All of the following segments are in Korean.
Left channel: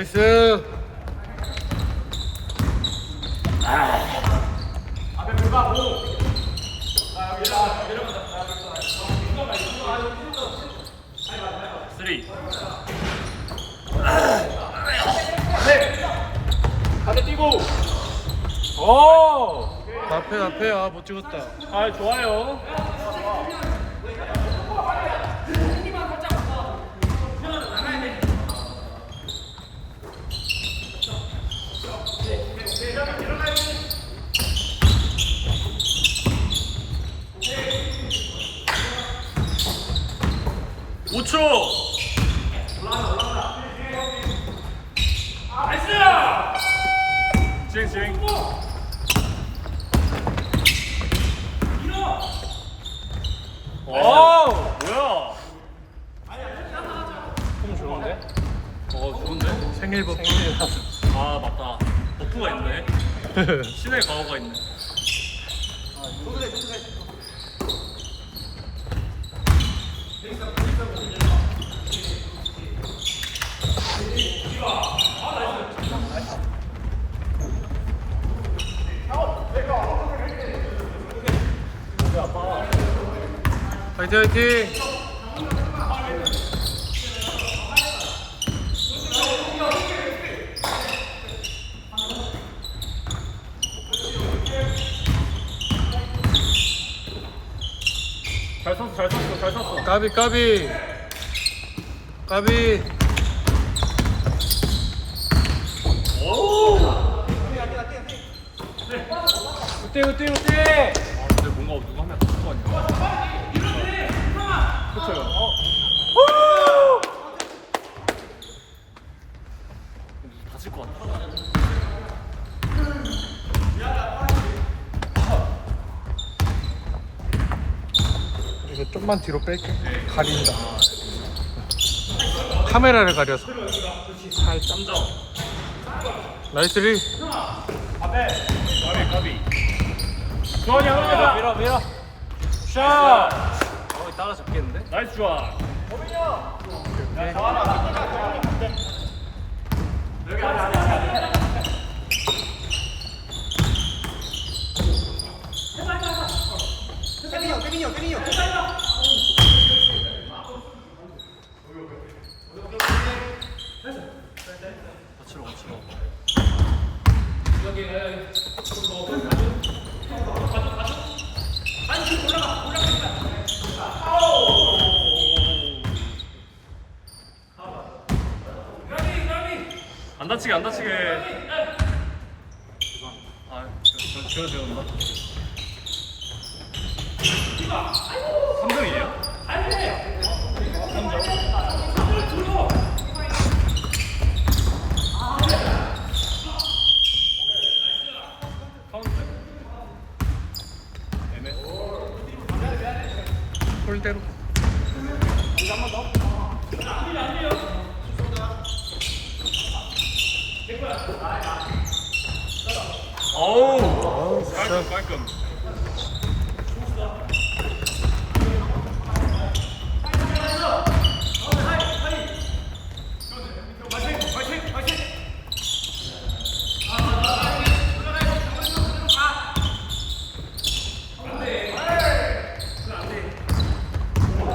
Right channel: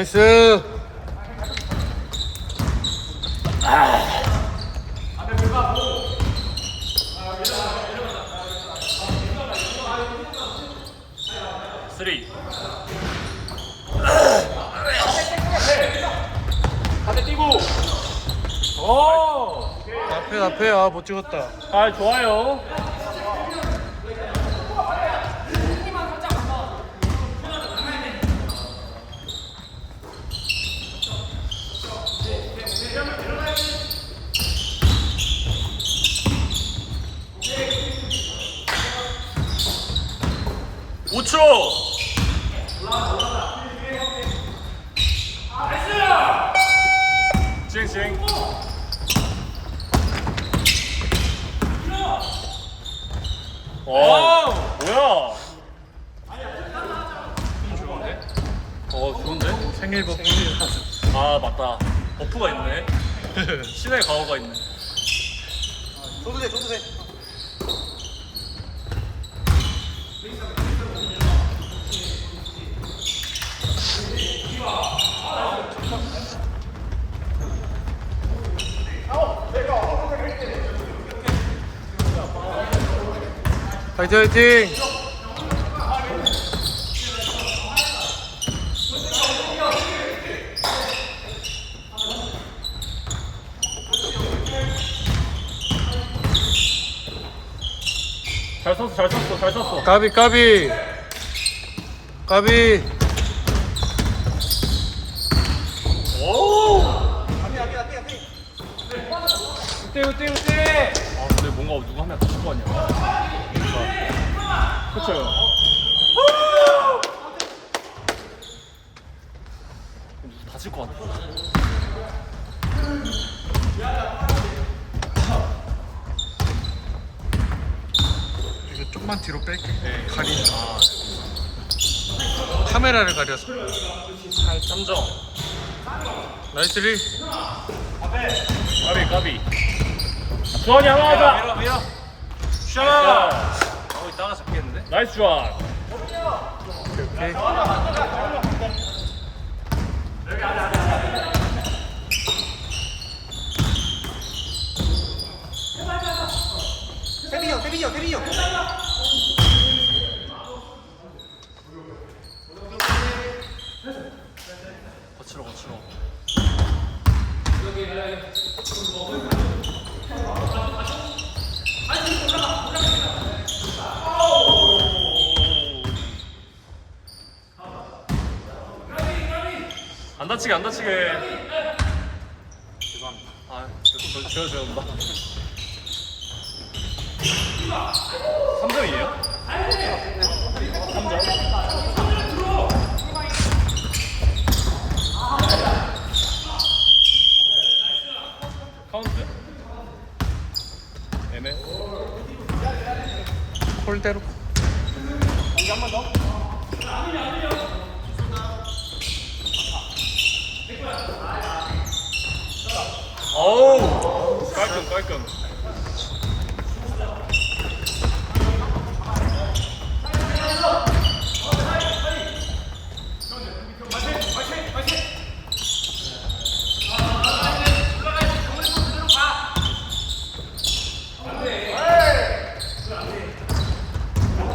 나이스. 쓰리. 반대 뛰고. 오. 앞에 못 찍었다. 아 좋아요. 쌩쌩. 오. 뭐야? 좀 좋은데? 좋은데? 생일 버프. 아 맞다. 버프가 있네. 신의 가오가 있네. 화이팅 화이팅. 잘 썼어, 잘 썼어, 잘 썼어. 까비. 뛰어. 근데 뭔가 누가 하면 다칠 거 아니야? 그렇죠. 다칠 거 같아. 이거 좀만 뒤로 뺄게. 가린다. 카메라를 가려서. 3점. 나이스 리. 까비. 주원이 하나 하자. 밀어. 샷. 이따가 잡겠는데? 나이스 주원. 거칠어. 안 다치게. 아, 저 온다. 3점이에요? 3점. 카운트. 얘네. 홀대로. 어우. 깔끔.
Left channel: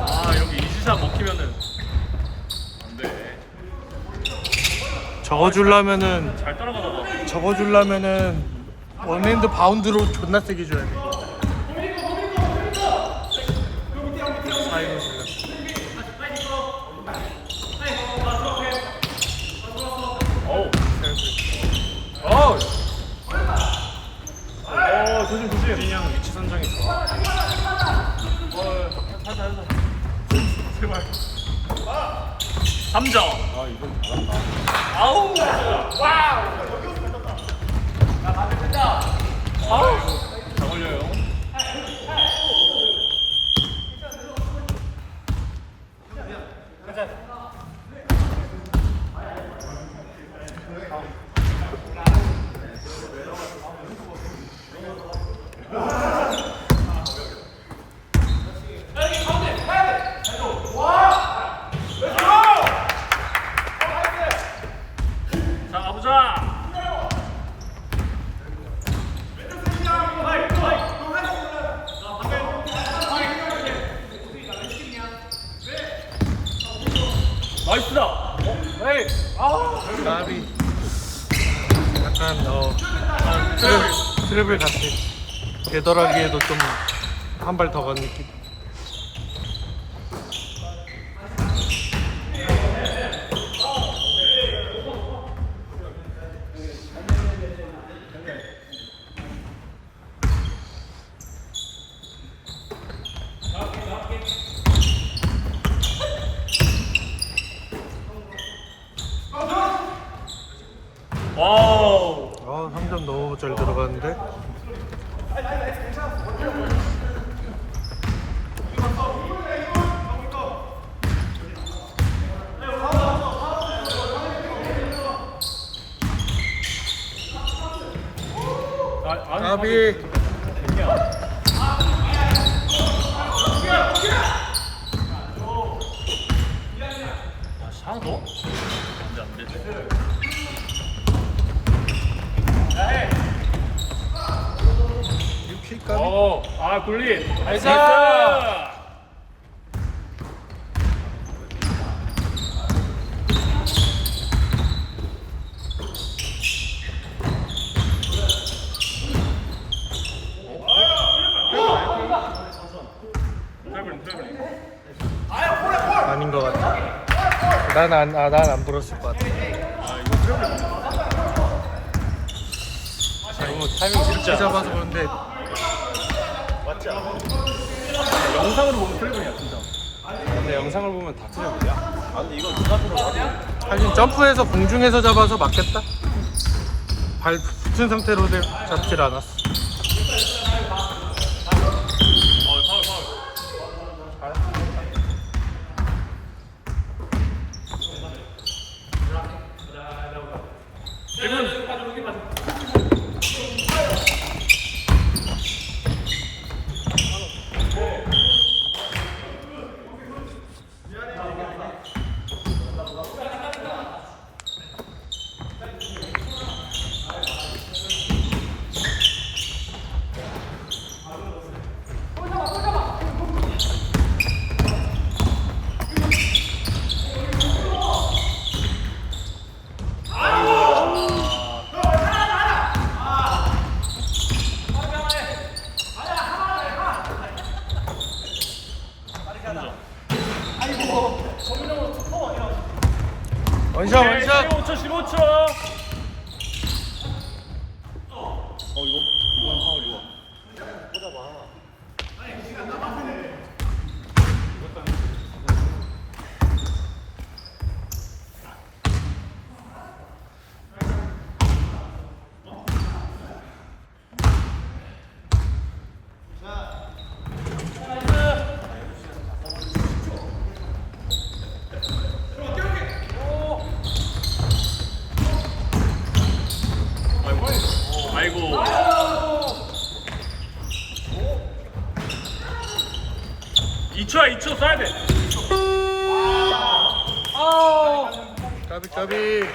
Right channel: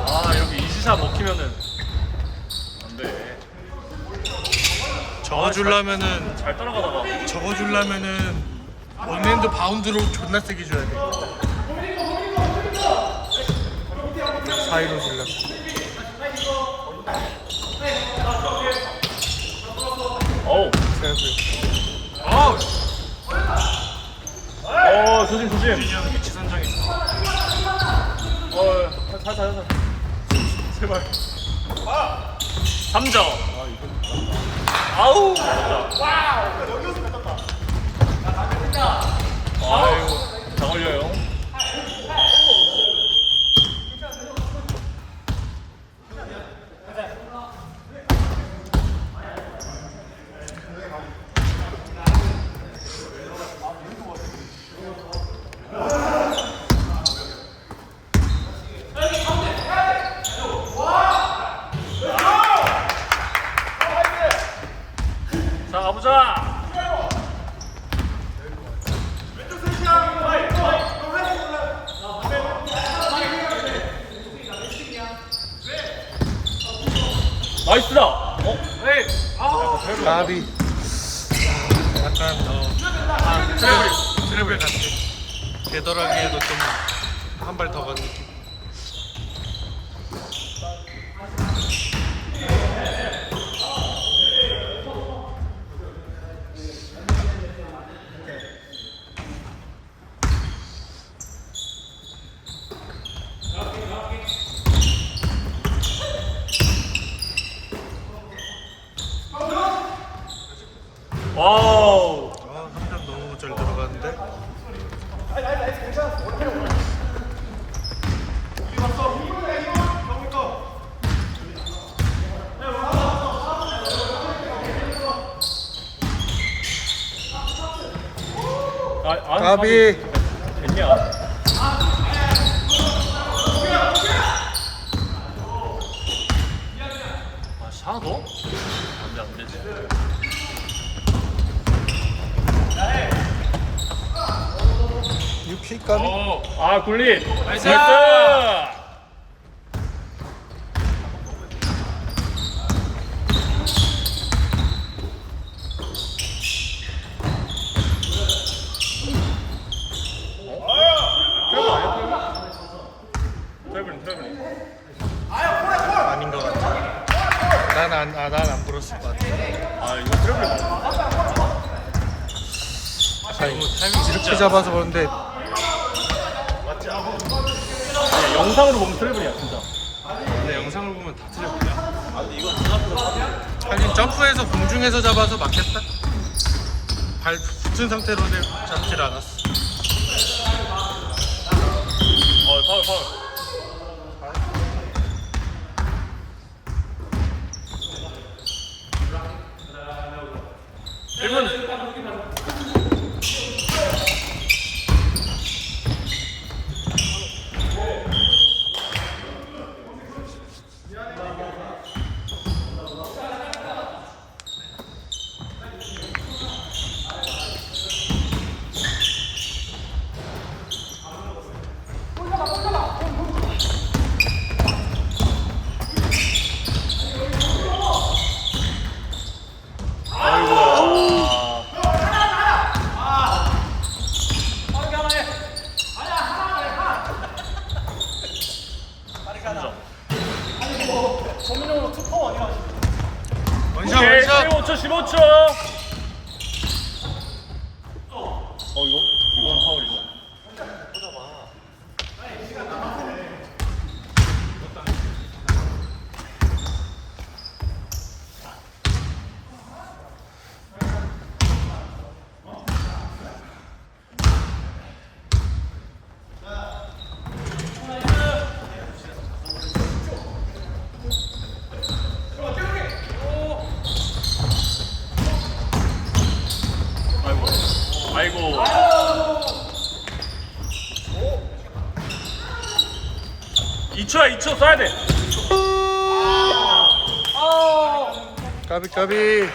아, 여기 이지샷 먹히면은 안 돼. 적어주려면은 원핸드 바운드로 존나 세게 줘야 돼. 사이로 질러. 어우. 조심. 그냥 위치 선정이 좋아. 제발. 3점. 아우. 잘 걸려요. 트래블 같은 되돌아기에도 좀 한 발 더 간 느낌. 와우. 아 3점 너무 잘 들어갔는데. 까비. 됐냐? 아, 하나 더? 안돼 안 되지. 유키 까비. 아 굴린. 나이스. 트래블. 아닌 것 같아. 난안 불었을 것 같아. 타이밍 이렇게 잡아서 그런데 영상으로 보면 트래블이야 진짜. 근데 영상을 보면 다 트래블이야. 하긴 점프해서 공중에서 잡아서 막혔다. 발 붙은 상태로 잡질 않았어. 파울. 원샷. 15초. 이건 파울이고. 아이고. 2초 써야 돼. 까비.